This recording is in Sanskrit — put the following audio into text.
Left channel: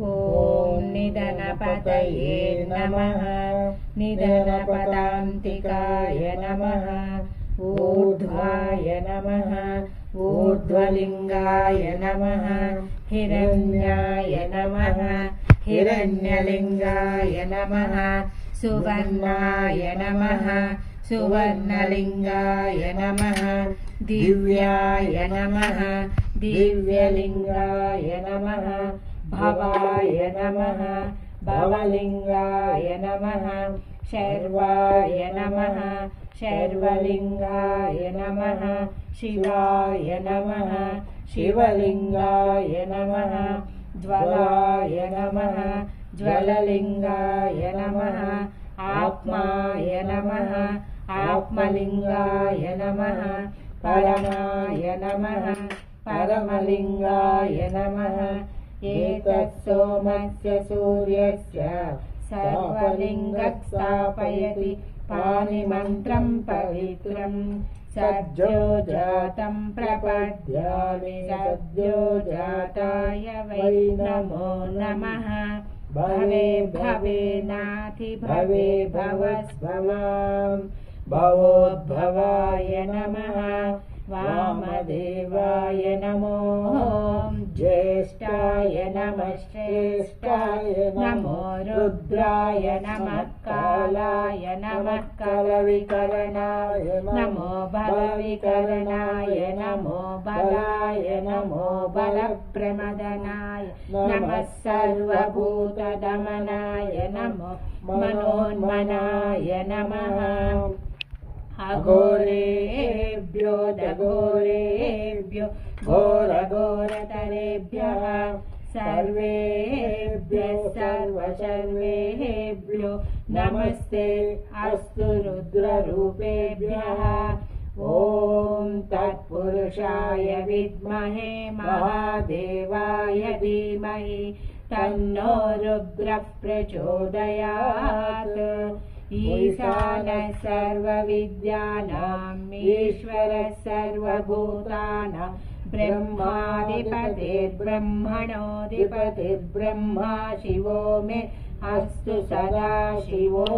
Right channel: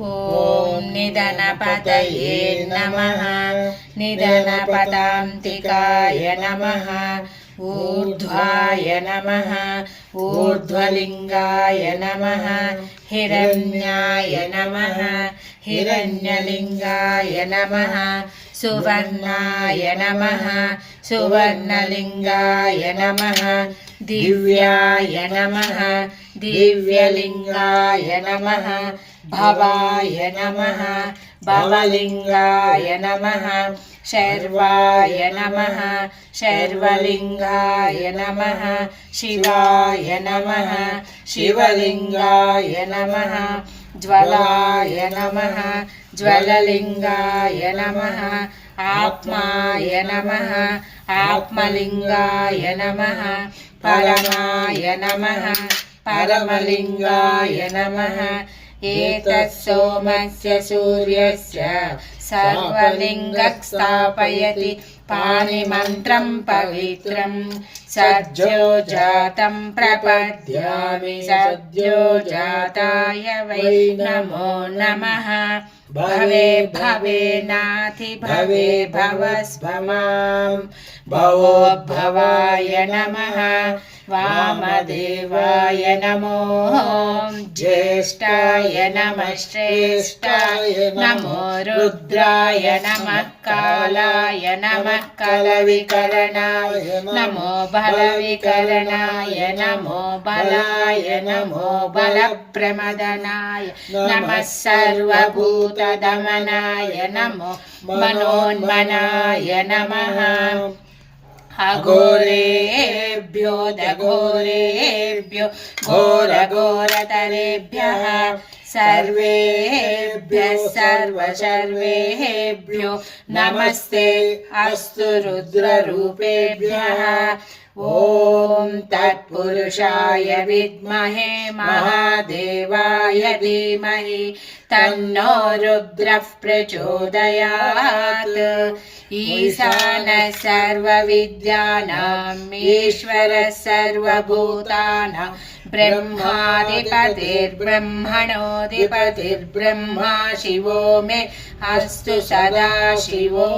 ॐ निधनपतये नमः। निधनपदान्तिकाय नमः। ऊर्ध्वाय नमः। ऊर्ध्वलिङ्गाय नमः। हिरण्याय नमः। हिरण्यलिङ्गाय नमः। सुवर्णाय नमः। सुवर्णलिङ्गाय नमः। दिव्याय नमः। दिव्यलिङ्गाय नमः। भवाय नमः। भवलिङ्गाय नमः। शर्वाय नमः। शर्वलिङ्गाय नमः। शिवाय नमः। शिवलिङ्गाय नमः। ज्वलाय नमः। ज्वललिङ्गाय नमः। आत्माय नमः। आत्मलिङ्गाय नमः। परमाय नमः। परमलिङ्गाय नमः। एतत् सोमस्य सूर्यस्य सर्वलिङ्गं स्थापयति पाणिमन्त्रं पवित्रं सद्योजातं प्रपद्यामि सद्योजाताय वै नमो नमः। भवे भवे नाथि भवे भवस्भवां भवोद्भवाय नमः। वामदेवाय नमो ज्येष्ठाय नमः श्रेष्ठाय नमो रुद्राय नमः कालाय नमः कलविकरणाय नमो बलविकरणाय नमो बलाय नमो बलप्रमदनाय नमः सर्वभूतदमनाय नमो मनोन्मनाय नमः। अघोरेभ्यो दघोरेभ्यो घोरघोरतरेभ्यः सर्वेभ्यः सर्वशर्वेभ्यो नमस्ते अस्तु रुद्ररूपेभ्यः। ॐ तत्पुरुषाय विद्महे महादेवाय धीमहि तन्नो रुद्रः प्रचोदयात्। ईशानः सर्वविद्यानाम् ईश्वरः सर्वभूतानां ब्रह्माधिपतिर्ब्रह्मणोऽधिपतिर्ब्रह्मा शिवो मे अस्तु सदा शिवो।